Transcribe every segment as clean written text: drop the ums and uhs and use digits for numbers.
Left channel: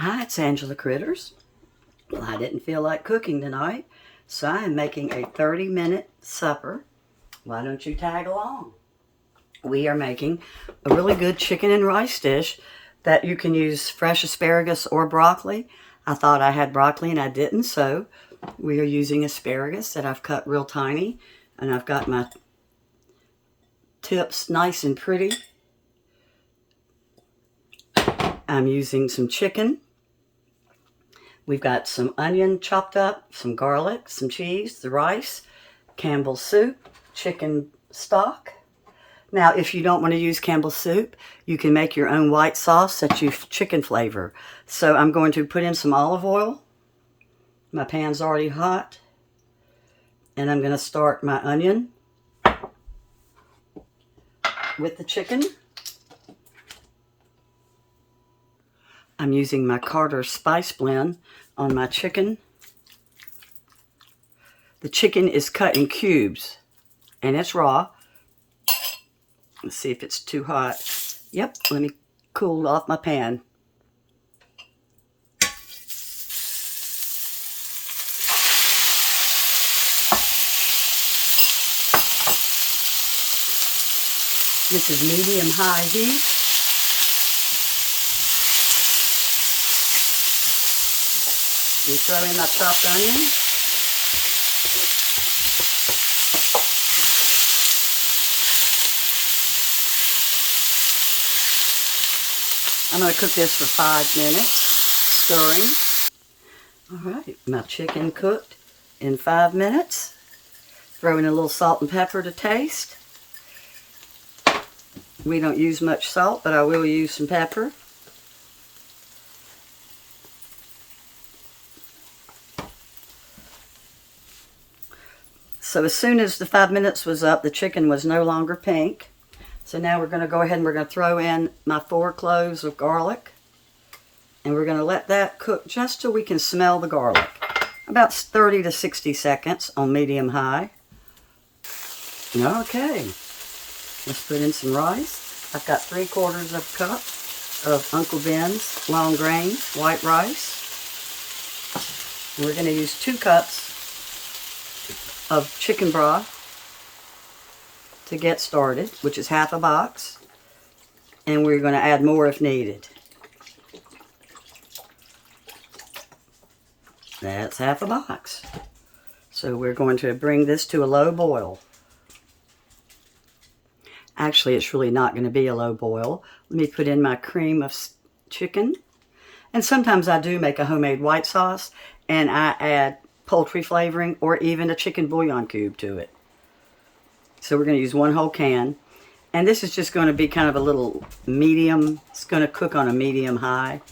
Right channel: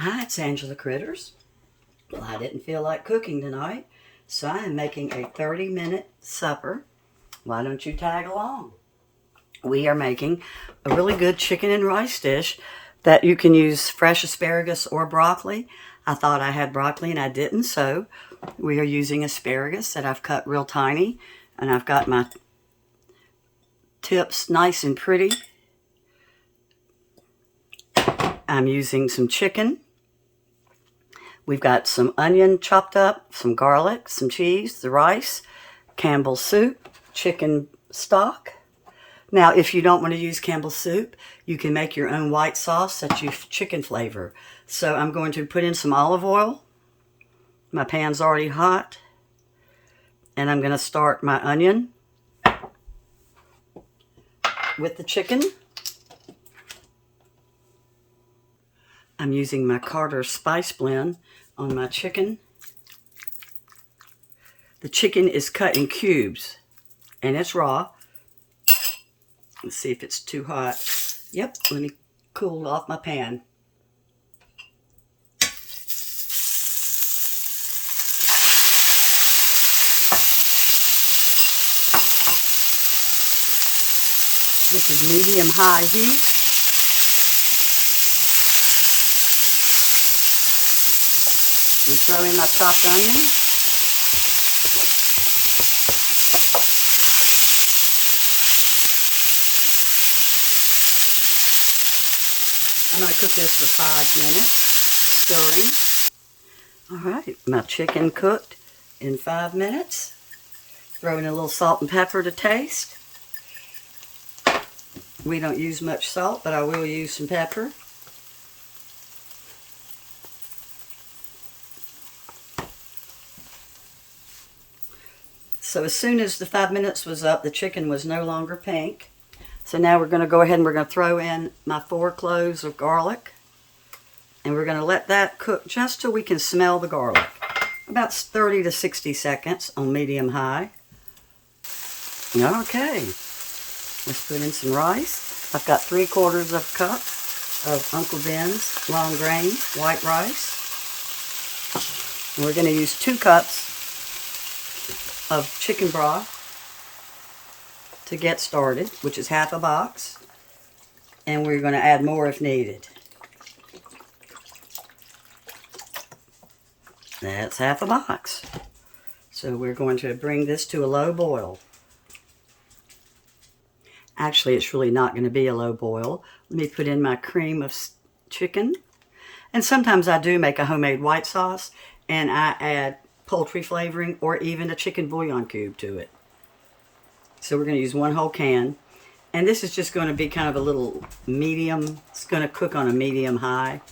Hi, it's Angela Critters. Well, I didn't feel like cooking tonight, so I am making a 30-minute supper. Why don't you tag along? We are making a really good chicken and rice dish that you can use fresh asparagus or broccoli. I thought I had broccoli and I didn't, so we are using asparagus that I've cut real tiny, and I've got my tips nice and pretty. I'm using some chicken. We've got some onion chopped up, some garlic, some cheese, the rice, Campbell's soup, chicken stock. Now, if you don't want to use Campbell's soup, you can make your own white sauce that uses chicken flavor. So I'm going to put in some olive oil. My pan's already hot. And I'm going to start my onion with the chicken. I'm using my Carter spice blend on my chicken. The chicken is cut in cubes and it's raw. Let's see if it's too hot. Yep, let me cool off my pan. This is medium-high heat. We throw in my chopped onion. I'm going to cook this for 5 minutes, stirring. All right, my chicken cooked in 5 minutes. Throw in a little salt and pepper to taste. We don't use much salt, but I will use some pepper. So as soon as the 5 minutes was up, the chicken was no longer pink. So now we're going to go ahead and we're going to throw in my 4 cloves of garlic. And we're going to let that cook just till we can smell the garlic. About 30 to 60 seconds on medium-high. Okay, let's put in some rice. I've got 3/4 of a cup of Uncle Ben's long grain white rice. And we're going to use 2 cups of chicken broth to get started, which is half a box, and we're going to add more if needed. That's half a box. So we're going to bring this to a low boil. Actually, it's really not going to be a low boil. Let me put in my cream of chicken. And sometimes I do make a homemade white sauce, and I add poultry flavoring or even a chicken bouillon cube to it. So we're going to use 1 whole can. And this is just going to be kind of a little medium. It's going to cook on a medium-high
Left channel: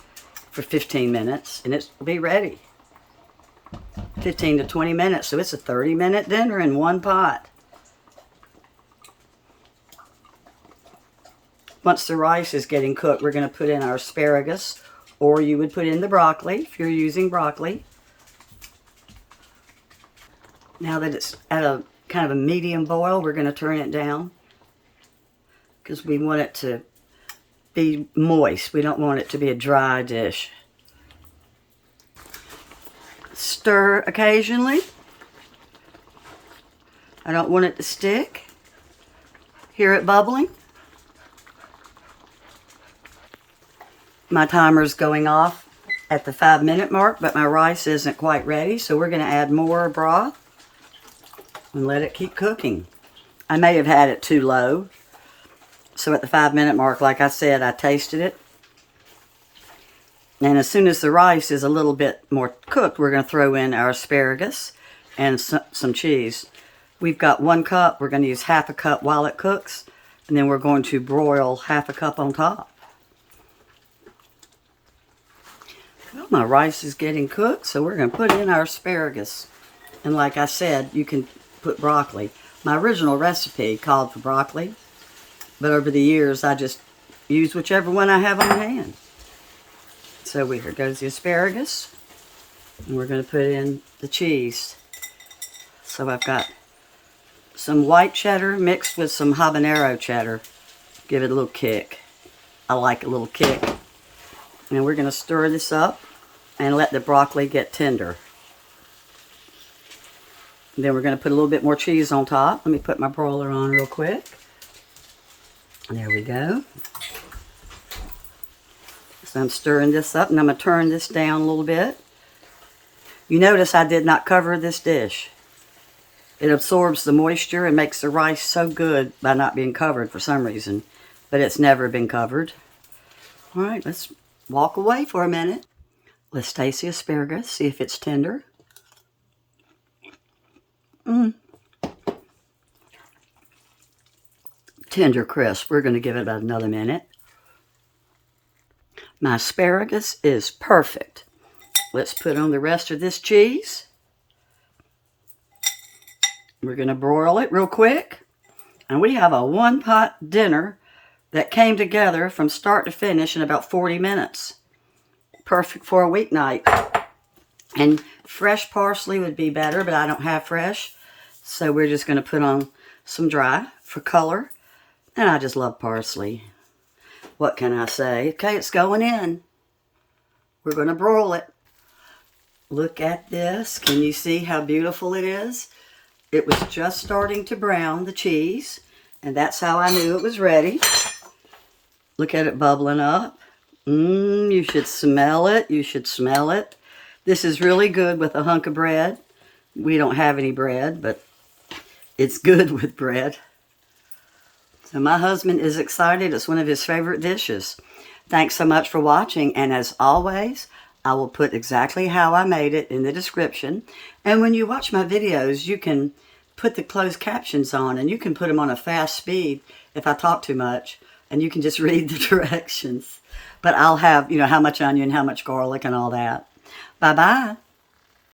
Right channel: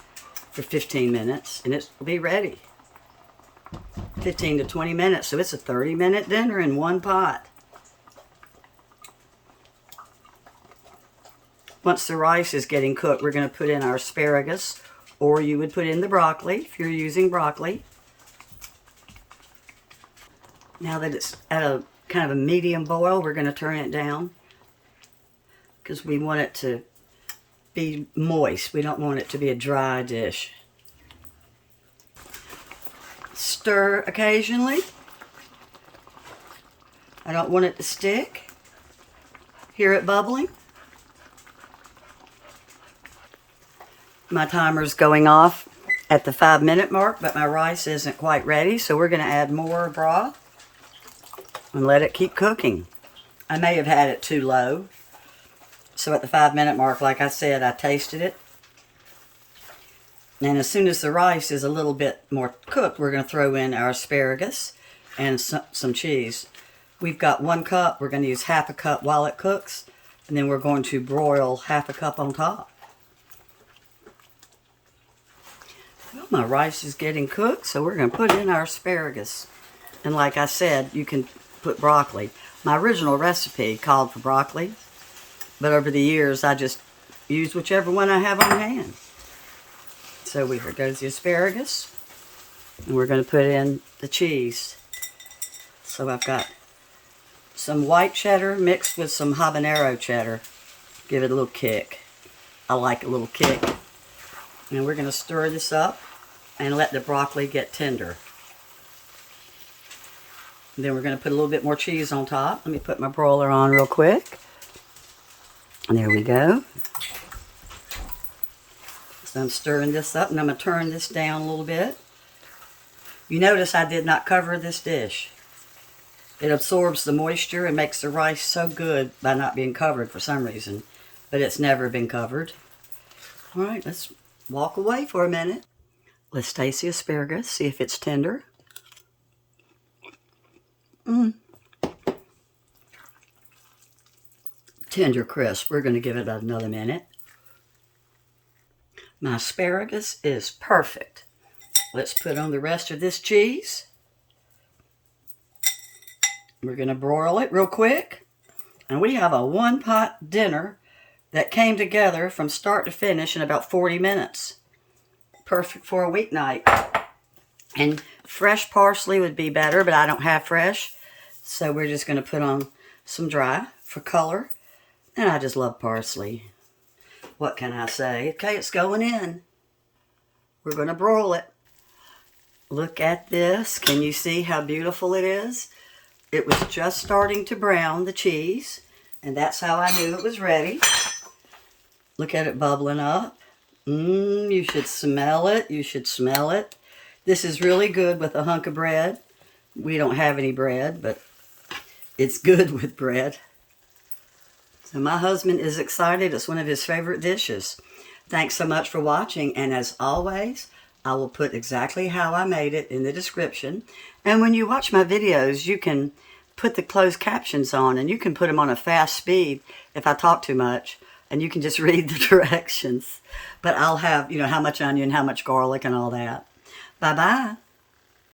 for 15 minutes, and it'll be ready. 15 to 20 minutes, so it's a 30-minute dinner in one pot. Once the rice is getting cooked, we're going to put in our asparagus, or you would put in the broccoli if you're using broccoli. Now that it's at a kind of a medium boil, we're going to turn it down because we want it to be moist. We don't want it to be a dry dish. Stir occasionally. I don't want it to stick. Hear it bubbling? My timer's going off at the 5-minute mark, but my rice isn't quite ready, so we're going to add more broth and let it keep cooking. I may have had it too low, so at the 5-minute mark, like I said, I tasted it. And as soon as the rice is a little bit more cooked, we're going to throw in our asparagus and some cheese. We've got 1 cup. We're going to use half a cup while it cooks, and then we're going to broil half a cup on top. Well, my rice is getting cooked, so we're going to put in our asparagus. And like I said, you can put broccoli. My original recipe called for broccoli, but over the years I just use whichever one I have on hand. So here goes the asparagus, and we're going to put in the cheese. So I've got some white cheddar mixed with some habanero cheddar. Give it a little kick. I like a little kick. And we're going to stir this up and let the broccoli get tender. And then we're going to put a little bit more cheese on top. Let me put my broiler on real quick. And there we go. So I'm stirring this up, and I'm going to turn this down a little bit. You notice I did not cover this dish. It absorbs the moisture and makes the rice so good by not being covered for some reason. But it's never been covered. All right, let's walk away for a minute. Let's taste the asparagus, see if it's tender. Tender crisp. We're going to give it about another minute. My asparagus is perfect. Let's put on the rest of this cheese. We're going to broil it real quick. And we have a one-pot dinner that came together from start to finish in about 40 minutes. Perfect for a weeknight. And fresh parsley would be better, but I don't have fresh. So we're just going to put on some dry for color. And I just love parsley. What can I say? Okay, it's going in. We're going to broil it. Look at this. Can you see how beautiful it is? It was just starting to brown, the cheese. And that's how I knew it was ready. Look at it bubbling up. You should smell it. You should smell it. This is really good with a hunk of bread. We don't have any bread, but it's good with bread. So my husband is excited. It's one of his favorite dishes. Thanks so much for watching. And as always, I will put exactly how I made it in the description. And when you watch my videos, you can put the closed captions on, and you can put them on a fast speed if I talk too much, and you can just read the directions. But I'll have, how much onion, how much garlic, and all that. Bye-bye.